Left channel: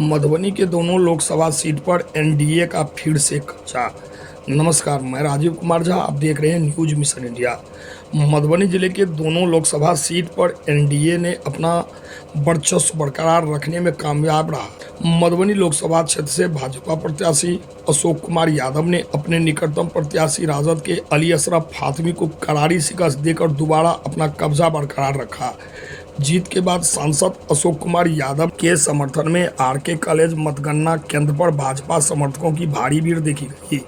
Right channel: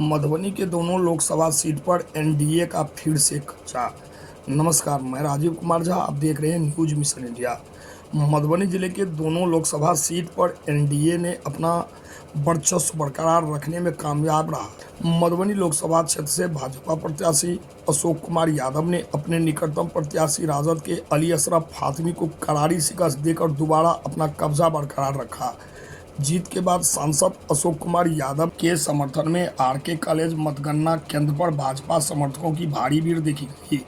मधुबनी के दोनों लोकसभा सीट पर एनडीए का फिर से कब्जा। नमस्कार, मैं राजीव कुमार झा, आप देख रहे हैं न्यूज मिशन इंडिया। मधुबनी जिले के दोनों लोकसभा सीट पर एनडीए ने अपना वर्चस्व बरकरार रखने में कामयाब रहा। मधुबनी लोकसभा क्षेत्र से भाजपा प्रत्याशी अशोक कुमार यादव ने अपने निकटतम प्रत्याशी राजद के अली अशरफ फातमी को करारी शिकस्त देकर दोबारा अपना कब्जा बरकरार रखा। जीत के बाद सांसद अशोक कुमार यादव के समर्थन में आरके कॉलेज मतगणना केंद्र पर भाजपा समर्थकों की भारी भीड़ देखी गई।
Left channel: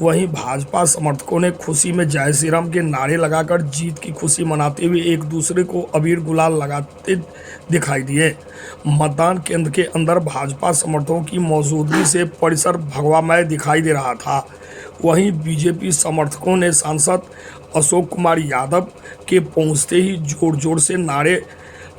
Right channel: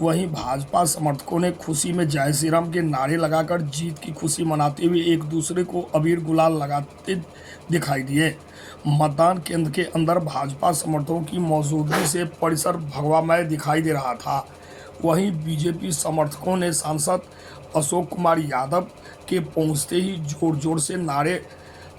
वहीं भाजपा समर्थकों ने खुशी में जय श्री राम के नारे लगाकर जीत की खुशी मनाते हुए एक दूसरे को अबीर गुलाल लगाते दिखाई दिए। मतदान केंद्र के अंदर भाजपा समर्थकों की मौजूदगी से परिसर भगवामय दिखाई दे रहा था। वहीं बीजेपी समर्थकों ने सांसद अशोक कुमार यादव के पहुंचते ही जोर जोर से नारे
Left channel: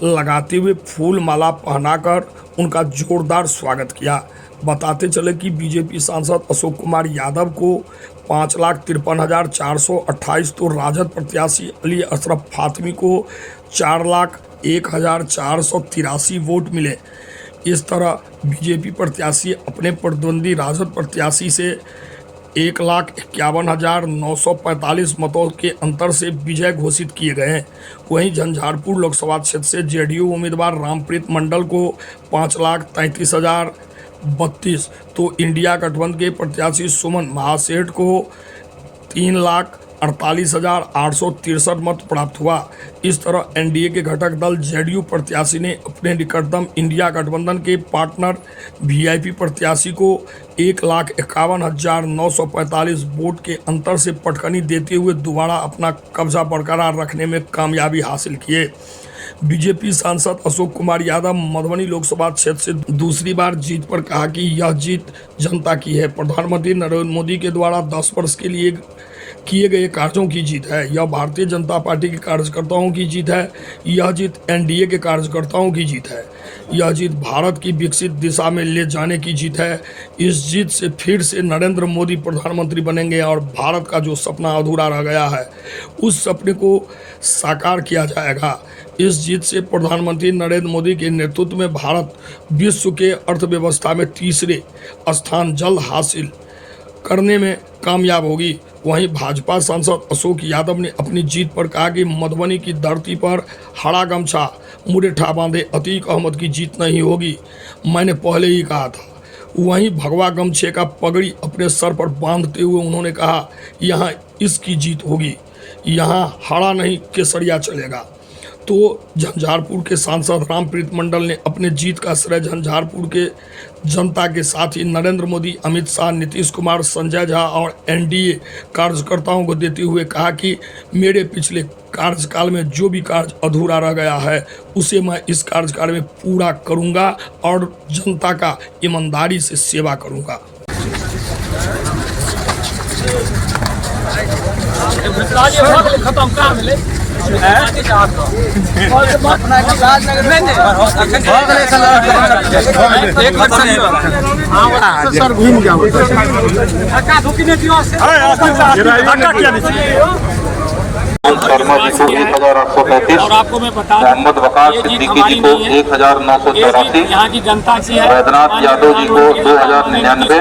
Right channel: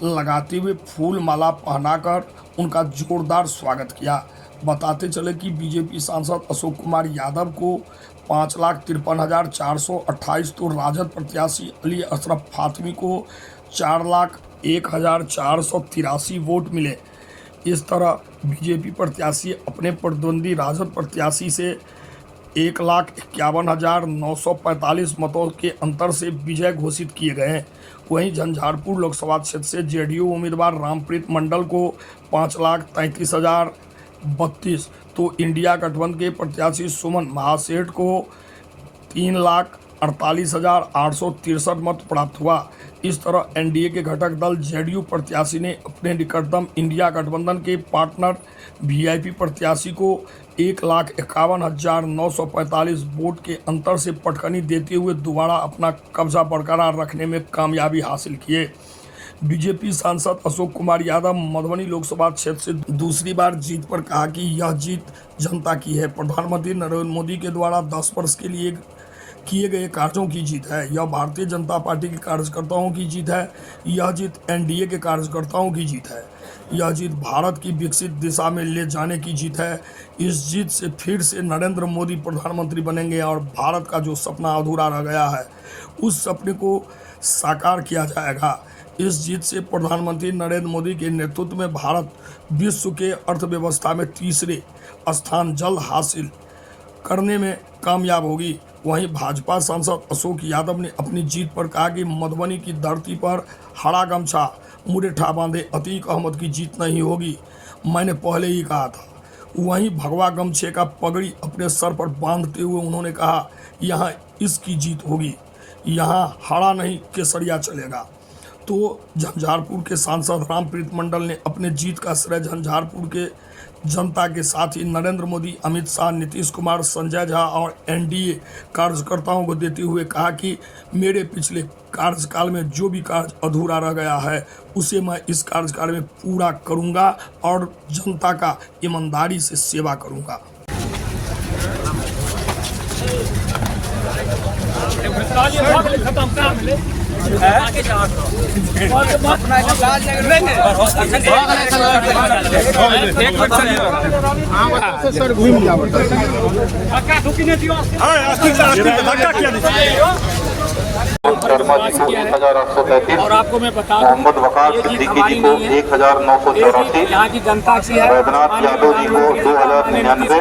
लगाते हुए फूल माला पहनाकर उनका जोरदार स्वागत किया। बताते चले कि बीजेपी सांसद अशोक कुमार यादव को 5,53,428 तो राजद प्रत्याशी अली अशरफ फातमी को 4,01,483 वोट मिले। इस तरह बीजेपी प्रत्याशी अपने प्रतिद्वंदी राजद प्रत्याशी से 1,51,945 मतों के अंतर से विजय घोषित किए गए हैं। वहीं झंझारपुर लोकसभा क्षेत्र से जेडीयू उम्मीदवार रामप्रीत मंडल को 5,33,032 तो इंडिया गठबंधन के प्रत्याशी सुमन महासेठ को 3,48,863 मत प्राप्त हुआ। इस तरह एनडीए के घटक दल जेडीयू प्रत्याशी ने अपने निकटतम इंडिया गठबंधन के पार्टनर वीआईपी प्रत्याशी को 1,51,945 वोट के अंतर से पटकनी देते हुए दोबारा अपना कब्जा बरकरार रखने में कामयाबी हासिल किए। बीजेपी सांसद अशोक कुमार यादव मधुबनी लोकसभा क्षेत्र से दूसरी बार जीत पर कहा कि यह जीत जनता की है। प्रधानमंत्री नरेंद्र मोदी के द्वारा 10 वर्ष के लिए किए गए कार्यों की जीत है। यह भारतीय जनता पार्टी के कार्यकर्ताओं की जीत है। यह जीत एनडीए के कार्यकर्ताओं की जीत है। यह जीत भारत की विकसित दिशा में ले जाने की जीत है। इस जीत से फिर से नरेंद्र मोदी प्रधानमंत्री बनेंगे और भारत का जो सपना अधूरा रह गया है उस सपने को साकार किया जाएगा। इस जीत से प्रधानमंत्री नरेंद्र मोदी के नेतृत्व में भारत विश्व के अर्थव्यवस्था में तीसरे स्थान जल्द हासिल करने में कामयाब होगी। वहीं भाजपा सांसद अशोक यादव ने अपनी जीत पर कहा कि मधुबनी की धरती पर हरा गमछा मुरेठा बांधे अतीक अहमद की जीत नहीं होगी। मैंने पहले ही कहा था। वहीं भगवा गमछे का पगड़ी अपने सर पर बांधते हुए उन्होंने कहा, यहाँ इसकी जीत होगी, यहाँ हरा नहीं केसरिया चलेगा। तो झंझारपुर के सांसद रामप्रीत मंडल ने अपने जीत का श्रेय झंझारपुर के जनता के साथ ही नरेंद्र मोदी, अमित शाह, नीतीश कुमार, संजय झा और एनडीए कार्यकर्ताओं को देते हुए कहा कि मेरे पिछले कार्यकाल में जो भी कार्य अधूरा रह गया है उसे मैं इस कार्यकाल में पूरा करूंगा और जनता का ईमानदारी से सेवा करूंगा। शर्मा जी को 1,835, मोहम्मद वकास सिद्दीकी जी को 1,984, वैद्यनाथ यादव जी को 2,099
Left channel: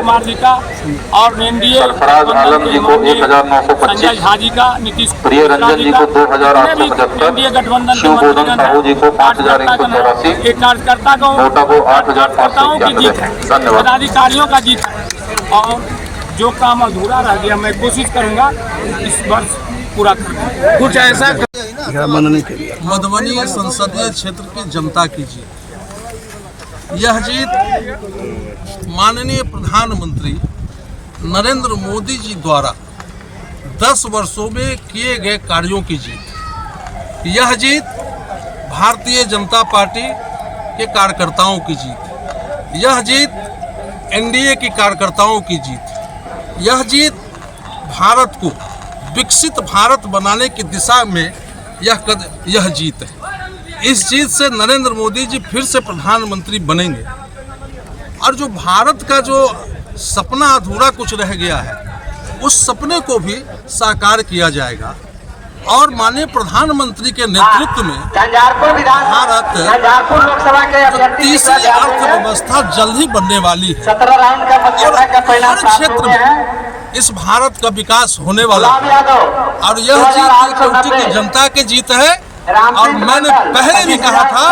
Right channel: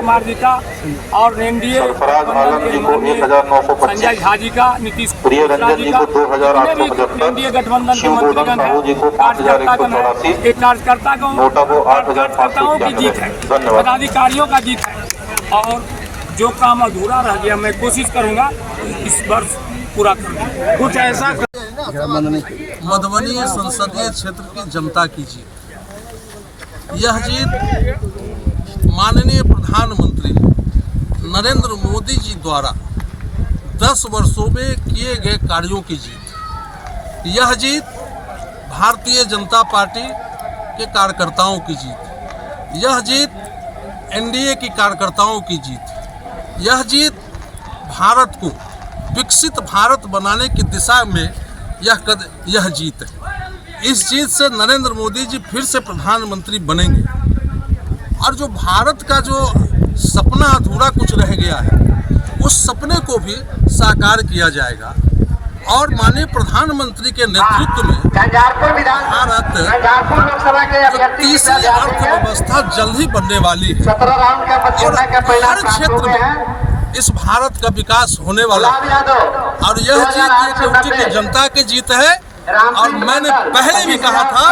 और सरफराज आलम जी को 1,925, प्रिय रंजन जी को 2,875, शिव गोदम साहू जी को 5,184, नोटा को 8,891। धन्यवाद। पदाधिकारियों का जीत है और जो काम अधूरा रह गया मैं कोशिश करूंगा इस वर्ष पूरा करना। कुछ ऐसा मधुबनी संसदीय क्षेत्र की जनता की जीत, यह जीत माननीय प्रधानमंत्री नरेंद्र मोदी जी द्वारा 10 वर्षों में किए गए कार्यों की जीत, यह जीत भारतीय जनता पार्टी के कार्यकर्ताओं की जीत, यह जीत एनडीए के कार्यकर्ताओं की जीत, यह जीत भारत को विकसित भारत बनाने की दिशा में यह जीत है। इस जीत से नरेंद्र मोदी जी फिर से प्रधानमंत्री बनेंगे और जो भारत का जो सपना अधूरा कुछ रह गया है उस सपने को भी साकार किया जाएगा और माननीय प्रधानमंत्री के नेतृत्व में भारत तीसरी अर्थव्यवस्था जल्द ही बनने वाली है और हर क्षेत्र में इस भारत का विकास होने वाला है और यह जीत पार्टी की जनता की जीत है। और मैंने पहले भी कहा था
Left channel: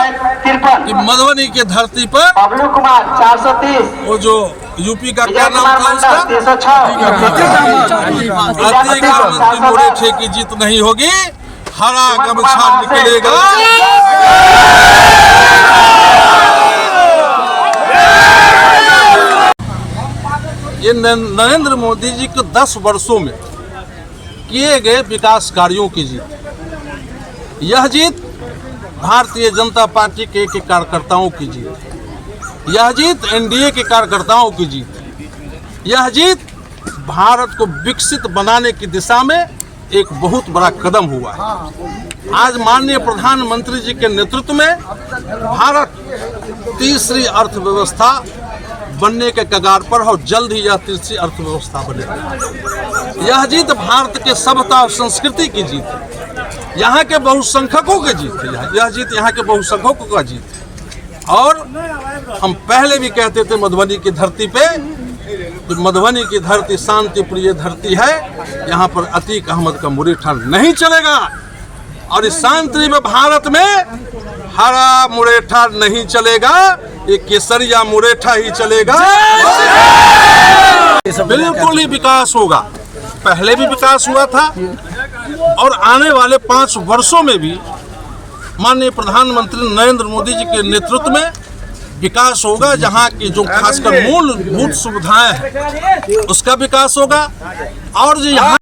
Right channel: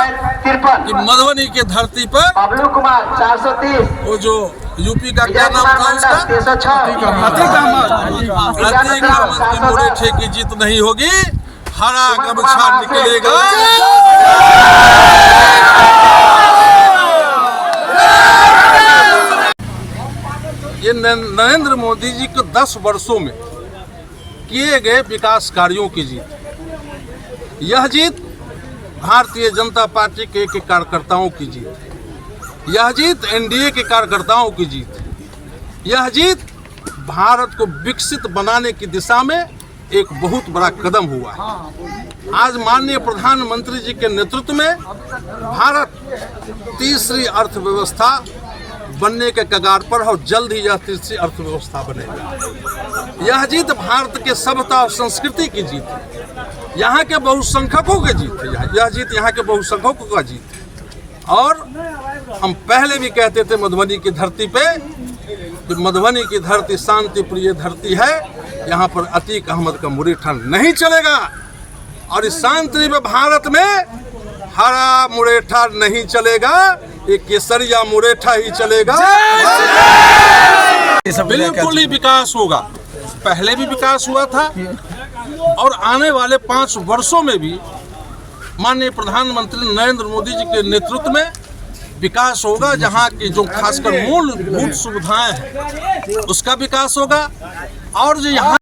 कि मधुबनी की धरती पर वो जो यूपी का क्या नाम था उसका मुरेठे की जीत नहीं होगी, हरा गमछा निकलेगा। ये नरेंद्र मोदी जी के 10 वर्षों में किए गए विकास कार्यों की जीत। यह जीत भारतीय जनता पार्टी के कार्यकर्ताओं की जीत। यह जीत एनडीए के कार्यकर्ताओं की जीत। यह जीत भारत को विकसित बनाने की दिशा में एक बहुत बड़ा कदम हुआ। आज माननीय प्रधानमंत्री जी के नेतृत्व में भारत तीसरी अर्थव्यवस्था बनने के कगार पर और जल्द ही यह तीसरी अर्थव्यवस्था बनेगी। यह जीत भारत के सभ्यता और संस्कृति की जीत है। यहाँ के बहुसंख्यकों की जीत है। यह जीत यहाँ के बहुसंख्यकों का जीत है। और हम पहले भी कहते थे मधुबनी की धरती पे कि मधुबनी की धरती शांति प्रिय धरती है, यहाँ पर अतीक अहमद का मुरेठा नहीं चलेगा। और इस शांति में भारत में हरा मुरेठा नहीं चलेगा, ये केसरिया मुरेठा ही चलेगा। बिल्कुल ही विकास होगा। पहले भी विकास हुआ था और आने वाले 5 वर्षों में भी माननीय प्रधानमंत्री नरेंद्र मोदी जी के नेतृत्व में विकास होगा। जहां की जो खासकर मूलभूत सुविधाएं हैं उसका विकास होगा और जो यहाँ